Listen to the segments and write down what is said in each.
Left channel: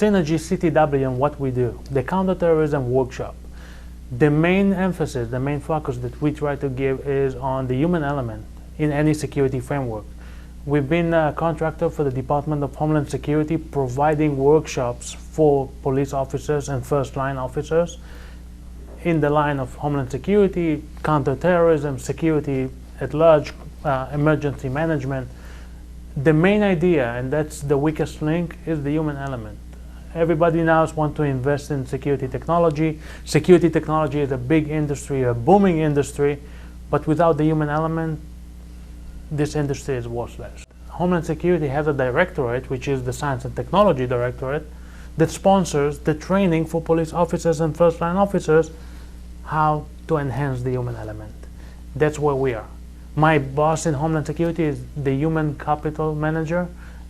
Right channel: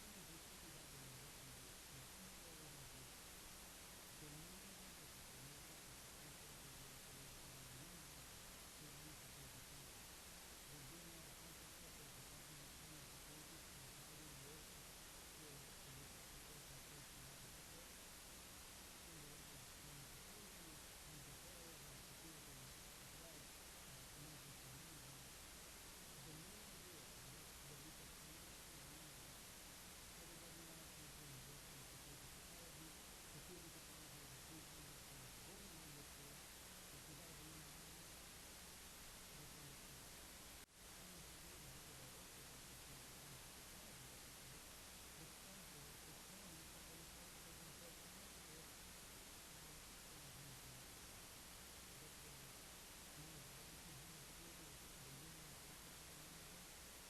Synergy CTW and what we do, the Counter Terrorism Workshop. The main emphasis, the main focus that we try to give is on the human element in any security framework. We've been a contractor for the Department of Homeland Security, providing workshops for police officers and first-line officers in the line of Homeland Security, counter-terrorism, security at large, emergency management. The main idea, and that's the weakest link, is the human element. Everybody now wants to invest in security technology. Security technology is a big industry, a booming industry, but without the human element, this industry is worthless. Homeland Security has a directorate, which is the Science and Technology Directorate, that sponsors the training for police officers and first-line officers how to enhance the human element. That's where we are. My boss in Homeland Security is the human capital manager,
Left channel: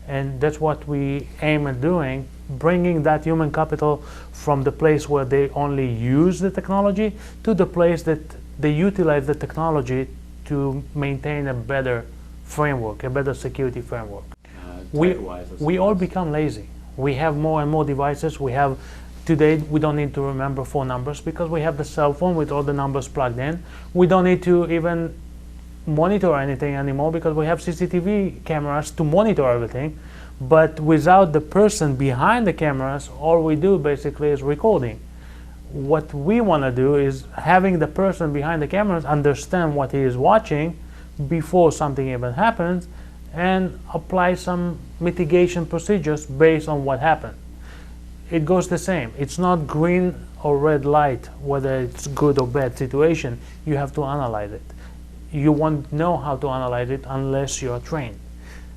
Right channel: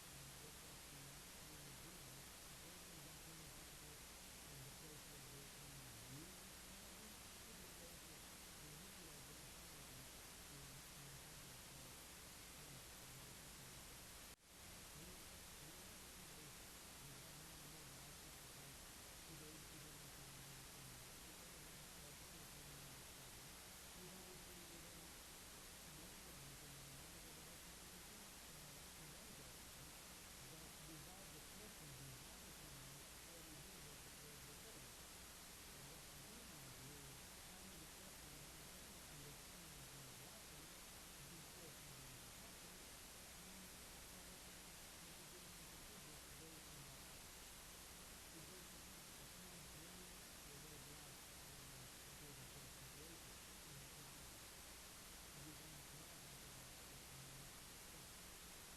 and that's what we aim at doing, bringing that human capital from the place where they only use the technology to the place that they utilize the technology to maintain a better framework, a better security framework. We all become lazy. We have more and more devices. Today, we don't need to remember 4 numbers because we have the cell phone with all the numbers plugged in. We don't need to even monitor anything anymore because we have CCTV cameras to monitor everything. But without the person behind the cameras, all we do basically is recording. What we want to do is having the person behind the cameras understand what he is watching before something even happens and apply some mitigation procedures based on what happened. It goes the same. It's not green or red light, whether it's good or bad situation. You have to analyze it. You won't know how to analyze it unless you're trained.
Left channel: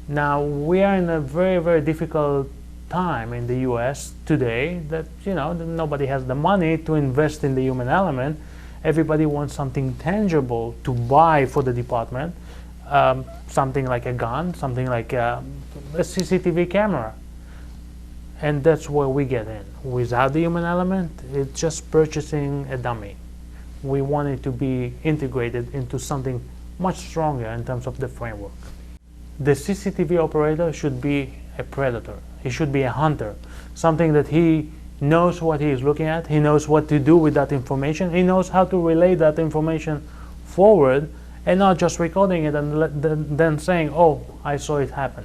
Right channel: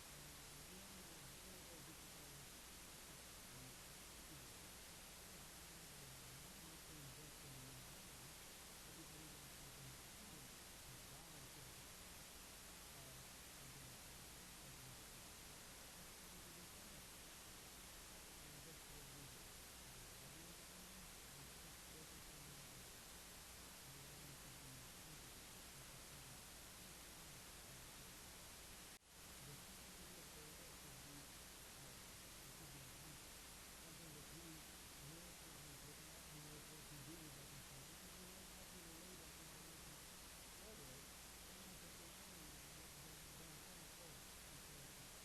Now, we are in a very, very difficult time in the US today that, nobody has the money to invest in the human element. Everybody wants something tangible to buy for the department, something like a gun, something like a CCTV camera. And that's where we get in. Without the human element, it's just purchasing a dummy. We want it to be integrated into something much stronger in terms of the framework. The CCTV operator should be a predator. He should be a hunter, something that he knows what he is looking at, he knows what to do with that information, he knows how to relay that information forward, and not just recording it and then saying, oh, I saw it happen.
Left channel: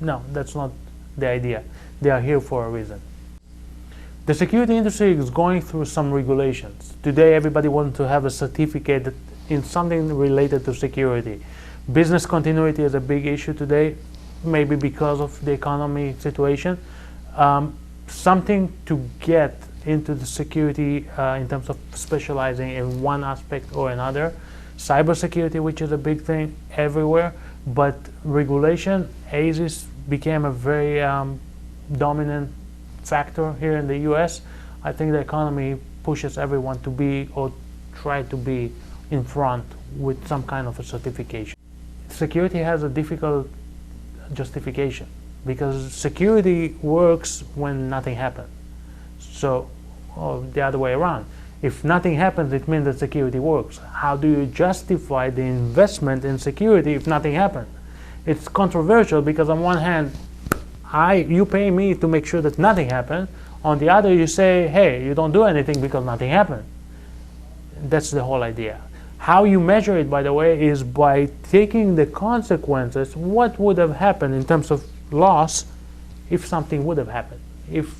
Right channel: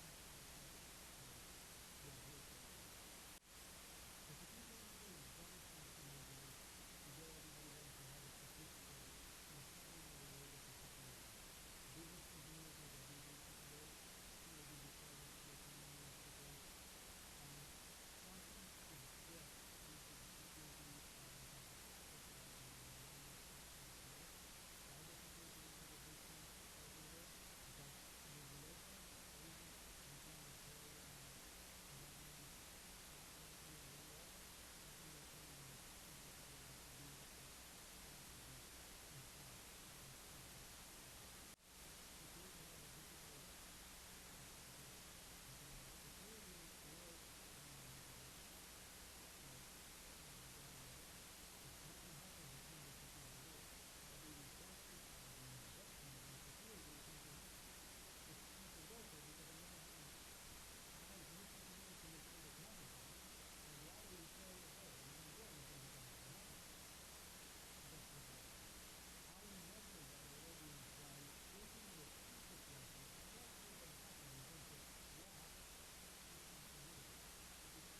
No, that's not the idea. They are here for a reason. The security industry is going through some regulations. Today, everybody wants to have a certificate in something related to security. Business continuity is a big issue today, maybe because of the economy situation. Something to get into the security in terms of specializing in one aspect or another. Cybersecurity, which is a big thing everywhere, but regulation, ASIS became a very dominant factor here in the US. I think the economy pushes everyone to be or try to be in front with some kind of a certification. Security has a difficult justification because security works when nothing happens. So, the other way around. If nothing happens, it means that security works. How do you justify the investment in security if nothing happens? It's controversial because on one hand, you pay me to make sure that nothing happens. On the other, you say, hey, you don't do anything because nothing happened. That's the whole idea. How you measure it, by the way, is by taking the consequences. What would have happened in terms of loss if something would have happened? If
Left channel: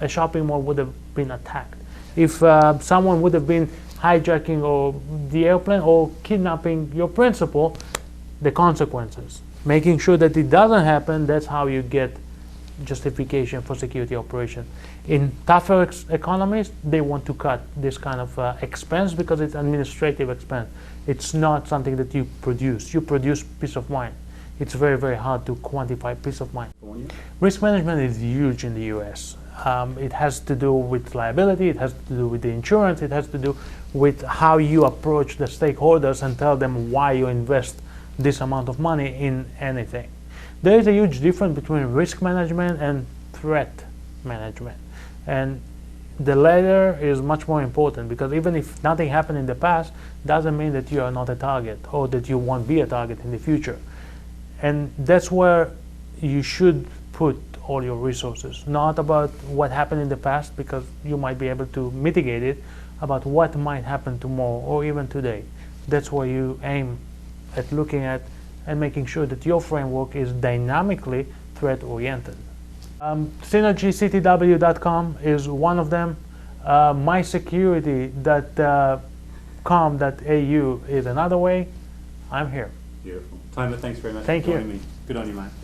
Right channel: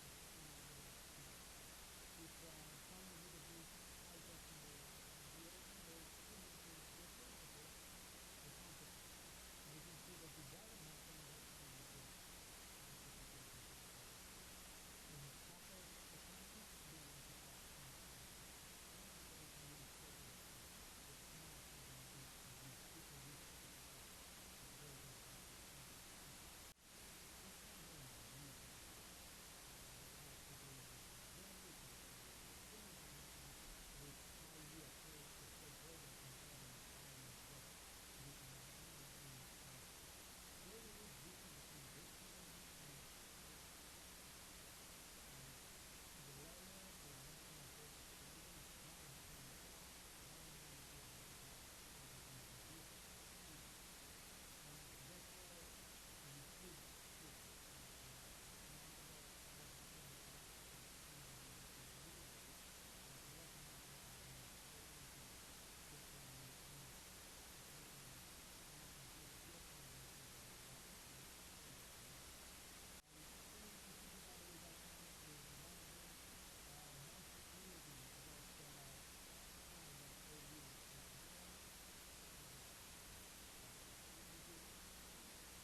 a shopping mall would have been attacked? If someone would have been hijacking or the airplane or kidnapping your principal, the consequences. Making sure that it doesn't happen, that's how you get justification for security operation. In tougher economies, they want to cut this kind of expense because it's administrative expense. It's not something that you produce. You produce peace of mind. It's very, very hard to quantify peace of mind. Risk management is huge in the US. It has to do with liability, it has to do with the insurance, it has to do with how you approach the stakeholders and tell them why you invest this amount of money in anything. There is a huge difference between risk management and threat management. And the latter is much more important because even if nothing happened in the past, doesn't mean that you are not a target or that you won't be a target in the future. And that's where you should put all your resources, not about what happened in the past, because you might be able to mitigate it, about what might happen tomorrow or even today. That's where you aim at looking at and making sure that your framework is dynamically threat-oriented. SynergyCTW.com is one of them. MySecurity.com.au is another way. I'm here. Beautiful. Tomer, thanks very much Thank for you. joining me. Good on you, mate.